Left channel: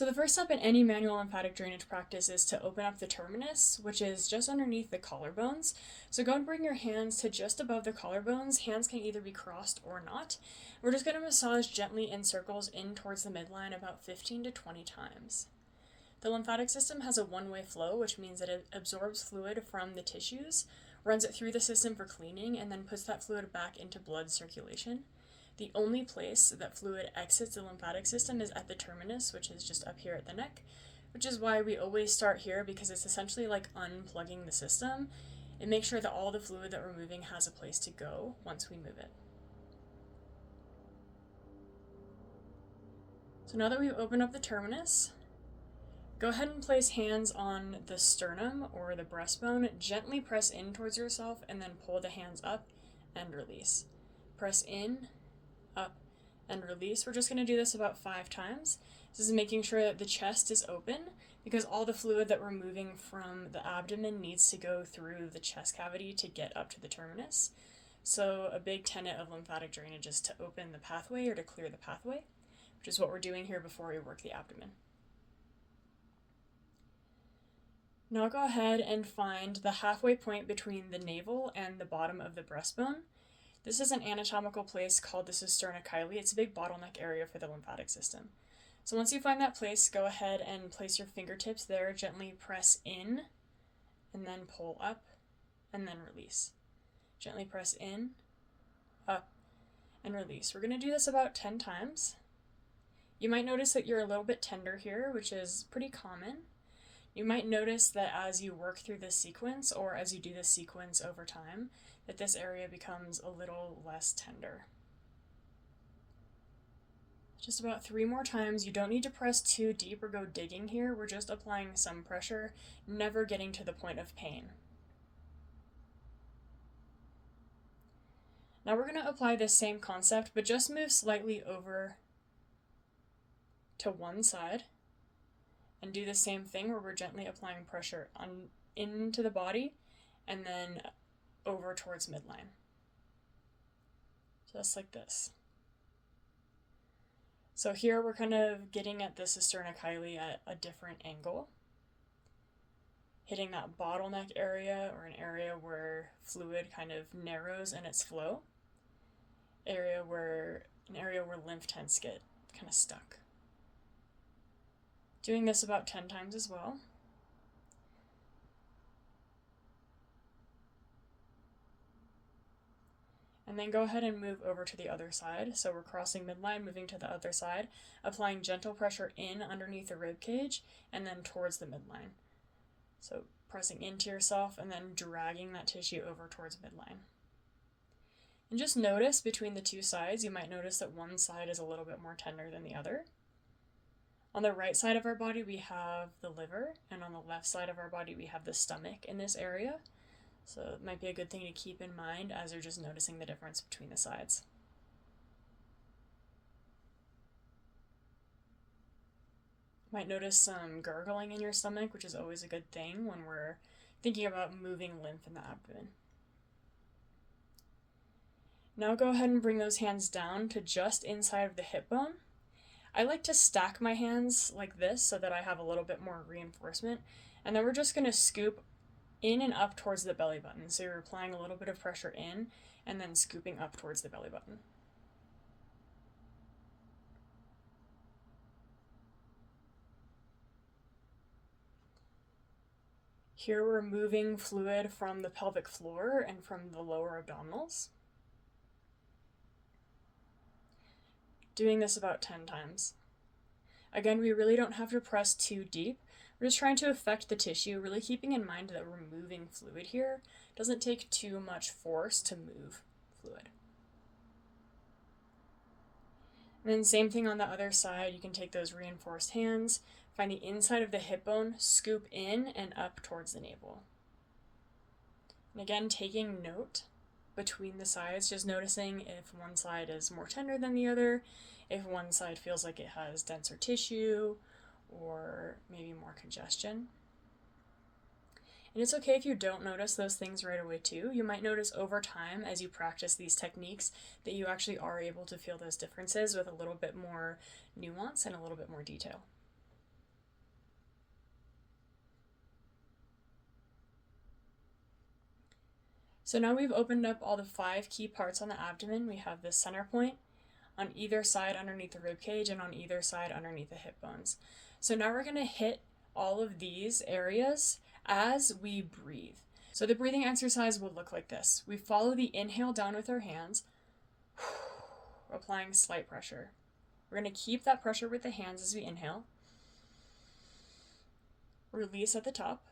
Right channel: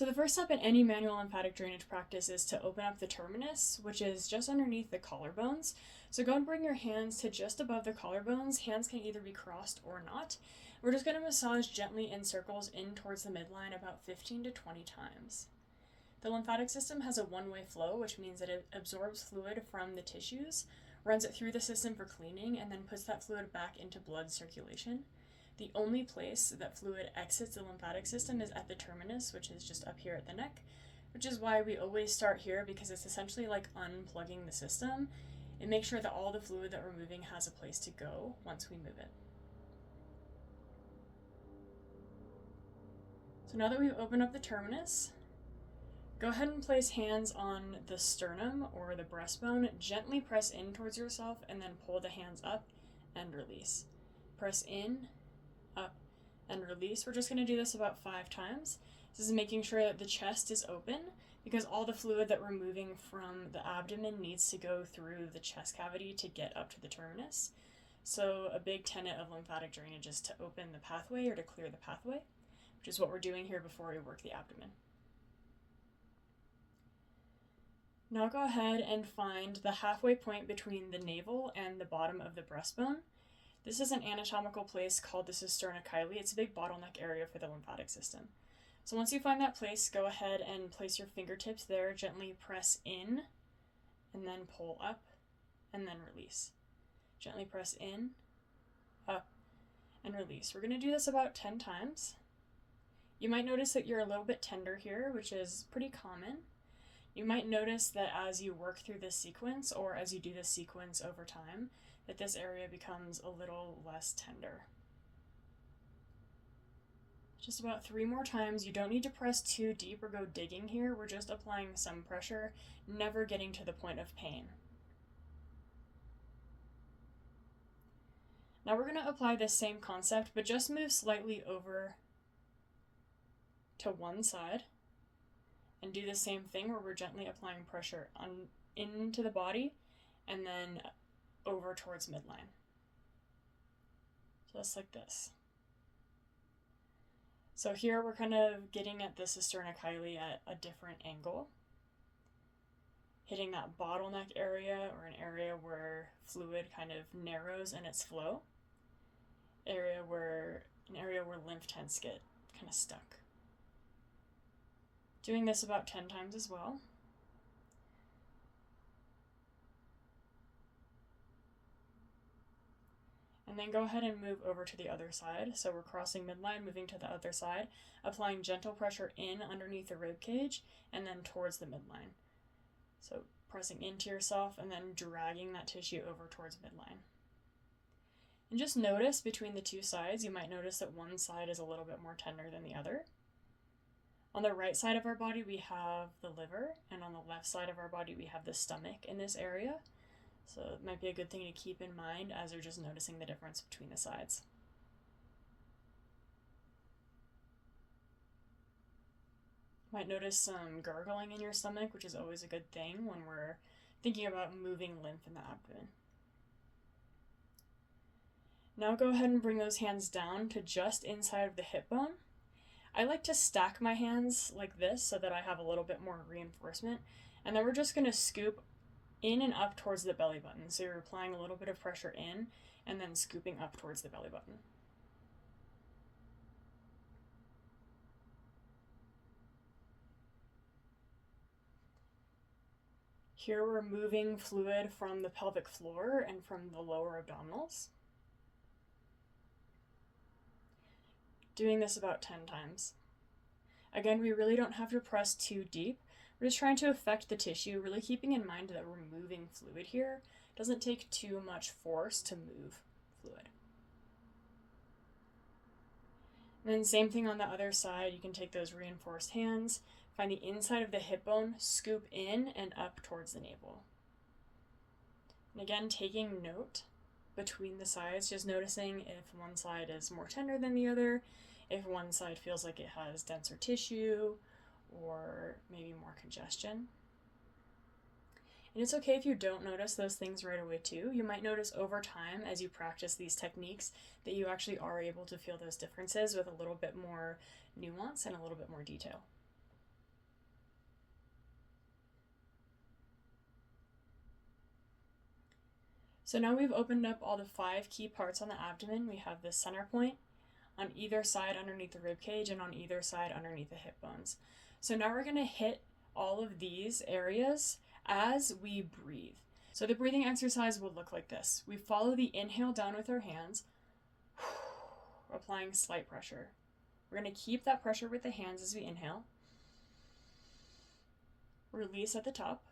So the first step in any manual lymphatic drainage practice is to open up the terminus, which is just underneath the collarbones. So go and bring your hands to just above the collarbones. Hands can either be crossed or not. We're just going to massage gently in circles in towards the midline about 15 to 20 times. The lymphatic system has a one-way flow, which means that it absorbs fluid from the tissues, runs it through the system for cleaning, and then puts that fluid back into blood circulation. The only place that fluid exits the lymphatic system is at the terminus, which is just up here at the neck, which is why we always start here, because it's essentially like unplugging the system and make sure that all the fluid that we're moving has a place to go once we move it. So now that we've opened up the terminus, go ahead and place hands on the sternum or the breastbone. Gently press in towards yourself and then pull the hands up and release. Press in, up, and release. We're just going to do this about 5 times. This is making sure that the chest is open because all the fluid that we're moving from the abdomen needs to go through the chest cavity to get up to the terminus. So a big tenet of lymphatic drainage is to open the pathway or to clear the pathway, which is what we're doing here before we work the abdomen. Now go ahead and find the halfway point between the navel and the bottom of the breastbone. This is an anatomical place called the cisterna chyli. It's a big bottleneck area for the lymphatic system. So once you find that place, go ahead and place your fingertips there, gently press in, and then pull up, and then release. Gently press in, up, and release. We're going to do this about 10 times. You might notice that you're a little bit tender here, which is pretty common. You might notice that as you work through this sequence, or as you do this sequence over time, that this area becomes a little less tender. Just about 3 more times. You don't need to press too deep or go digging here. We're just applying some pressure, never getting to the point of pain. Now we're going to apply this same concept, but just move slightly over to one side and do the same thing where we're gently applying pressure into the body and then over towards midline. Just like this. So here we're kind of getting at the cisterna chyli at a different angle, hitting that bottleneck area, or an area where fluid kind of narrows in its flow, an area where lymph tends to get kind of stuck. Doing this about 10 times as well. And then go ahead and move over to the other side. So we're crossing midline, moving to the other side, applying gentle pressure in underneath the rib cage and then towards the midline. So pressing into yourself and then dragging that tissue over towards midline. And just notice between the two sides, you might notice that one side is a little bit more tender than the other. On the right side of our body, we have the liver, and on the left side of our body, we have the stomach in this area. So it might be a good thing to keep in mind as you're just noticing the difference between the sides. You might notice some gurgling in your stomach, which is always a good thing when we're thinking about moving lymph in the abdomen. Now go ahead and bring those hands down to just inside of the hip bone. I like to stack my hands like this so that I have a little bit more reinforcement. And then we're just going to scoop in and up towards the belly button. So you're applying a little bit of pressure in and then scooping up towards the belly button. Here we're moving fluid from the pelvic floor and from the lower abdominals. Doing this about 10 times. Again, we really don't have to press too deep. We're just trying to affect the tissue, really keeping in mind that we're moving fluid here. It doesn't take too much force to move fluid. And then same thing on the other side. You can take those reinforced hands, find the inside of the hip bone, scoop in and up towards the navel. And again, taking note between the sides, just noticing if one side is more tender than the other, if one side feels like it has denser tissue or maybe more congestion. And it's okay if you don't notice those things right away too. You might notice over time as you practice these techniques that you actually are able to feel those differences with a little bit more nuance and a little bit more detail. So now we've opened up all the 5 key parts on the abdomen. We have the center point on either side underneath the rib cage and on either side underneath the hip bones. So now we're going to hit all of these areas as we breathe. So the breathing exercise will look like this. We follow the inhale down with our hands, applying slight pressure. We're going to keep that pressure with the hands as we inhale. Release at the top.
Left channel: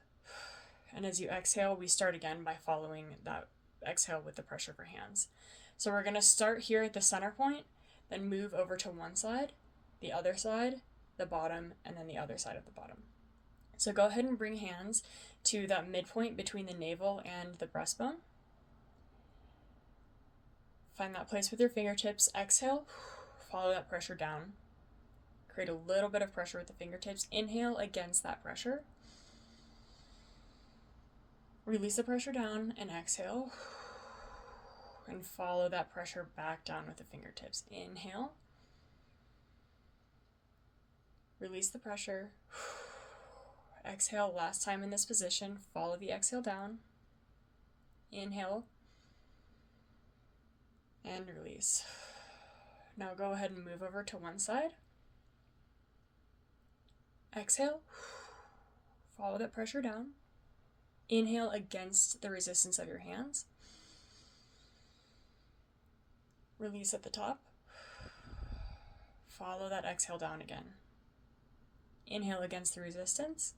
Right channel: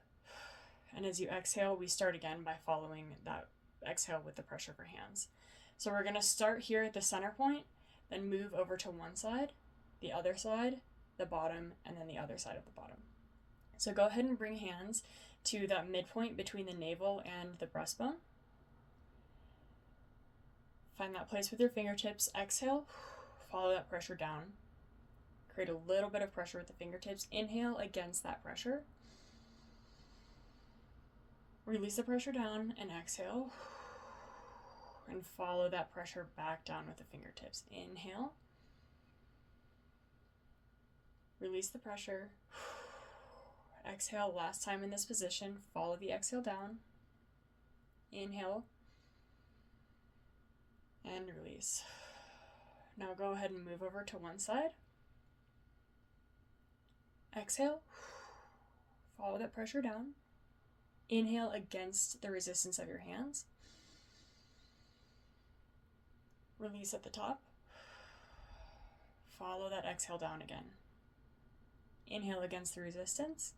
And as you exhale, we start again by following that exhale with the pressure of our hands. So we're going to start here at the center point, then move over to one side, the other side, the bottom, and then the other side of the bottom. So go ahead and bring hands to that midpoint between the navel and the breastbone. Find that place with your fingertips. Exhale, follow that pressure down. Create a little bit of pressure with the fingertips. Inhale against that pressure. Release the pressure down and exhale. And follow that pressure back down with the fingertips. Inhale. Release the pressure. Exhale, last time in this position. Follow the exhale down. Inhale. And release. Now go ahead and move over to one side. Exhale. Follow that pressure down. Inhale against the resistance of your hands. Release at the top. Follow that exhale down again. Inhale against the resistance.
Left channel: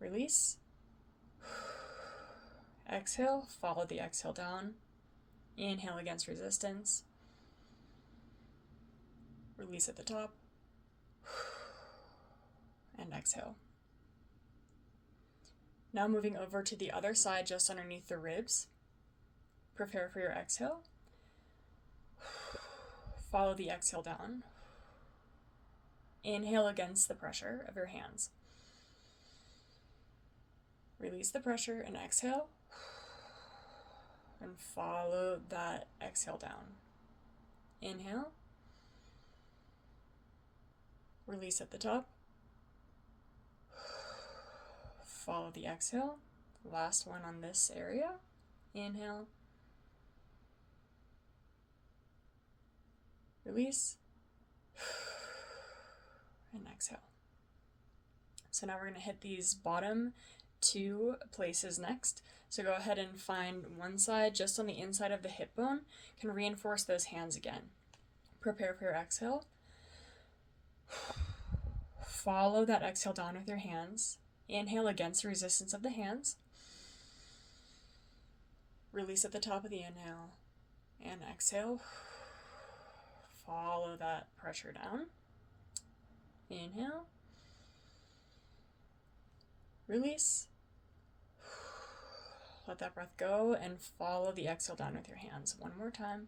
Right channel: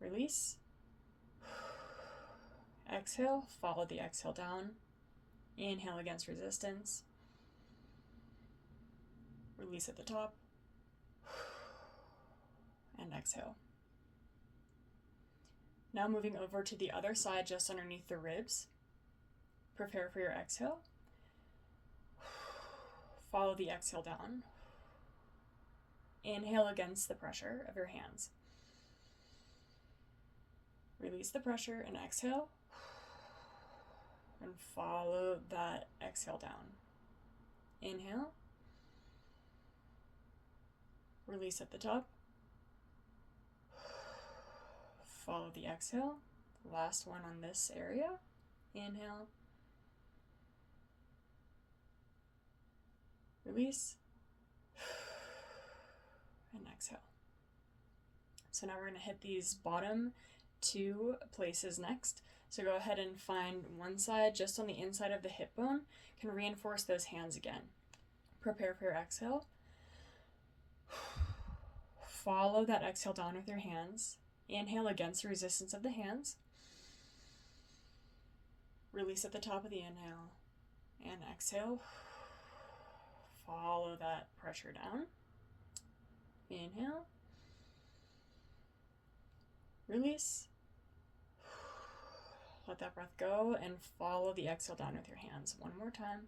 Release. Exhale, follow the exhale down. Inhale against resistance. Release at the top. And exhale. Now moving over to the other side, just underneath the ribs. Prepare for your exhale. Follow the exhale down. Inhale against the pressure of your hands. Release the pressure and exhale. And follow that exhale down. Inhale. Release at the top. Follow the exhale. Last one on this area. Inhale. Release. And exhale. So now we're going to hit these bottom 2 places next. So go ahead and find one side just on the inside of the hip bone. You can reinforce those hands again. Prepare for your exhale. Follow that exhale down with your hands. Inhale against the resistance of the hands. Release at the top of the inhale. And exhale. Follow that pressure down. Inhale. Release. Let that breath go and follow the exhale down with your hands. One more time.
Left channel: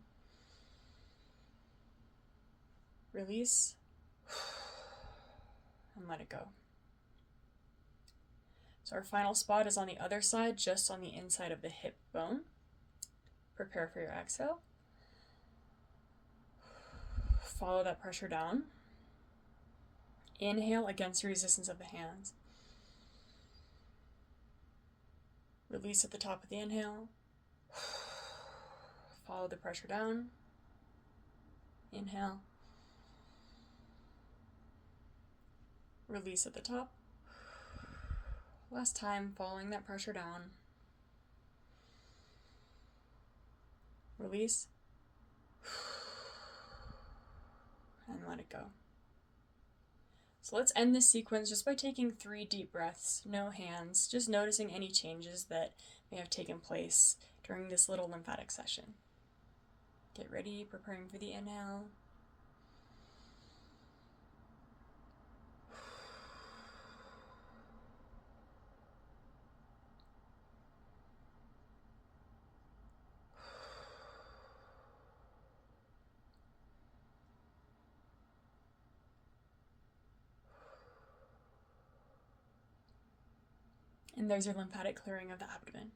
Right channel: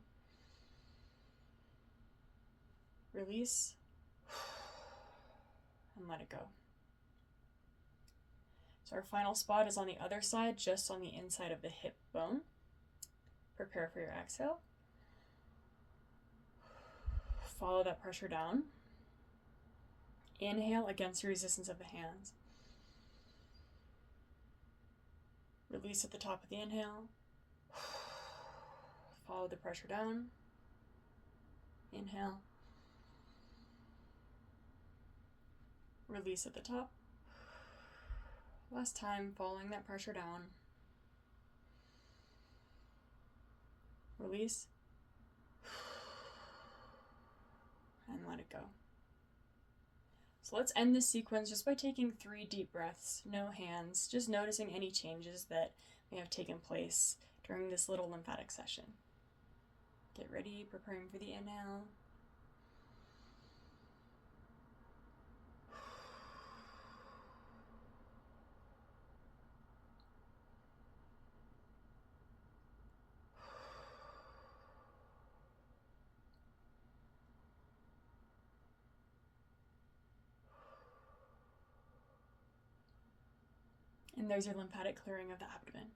Release. And let it go. So our final spot is on the other side, just on the inside of the hip bone. Prepare for your exhale. Follow that pressure down. Inhale against the resistance of the hands. Release at the top of the inhale. Follow the pressure down. Inhale. Release at the top. Last time, following that pressure down. Release. And let it go. So let's end this sequence just by taking 3 deep breaths, no hands, just noticing any changes that may have taken place during this little lymphatic session. Get ready, preparing for the inhale. And there's your lymphatic clearing of the abdomen.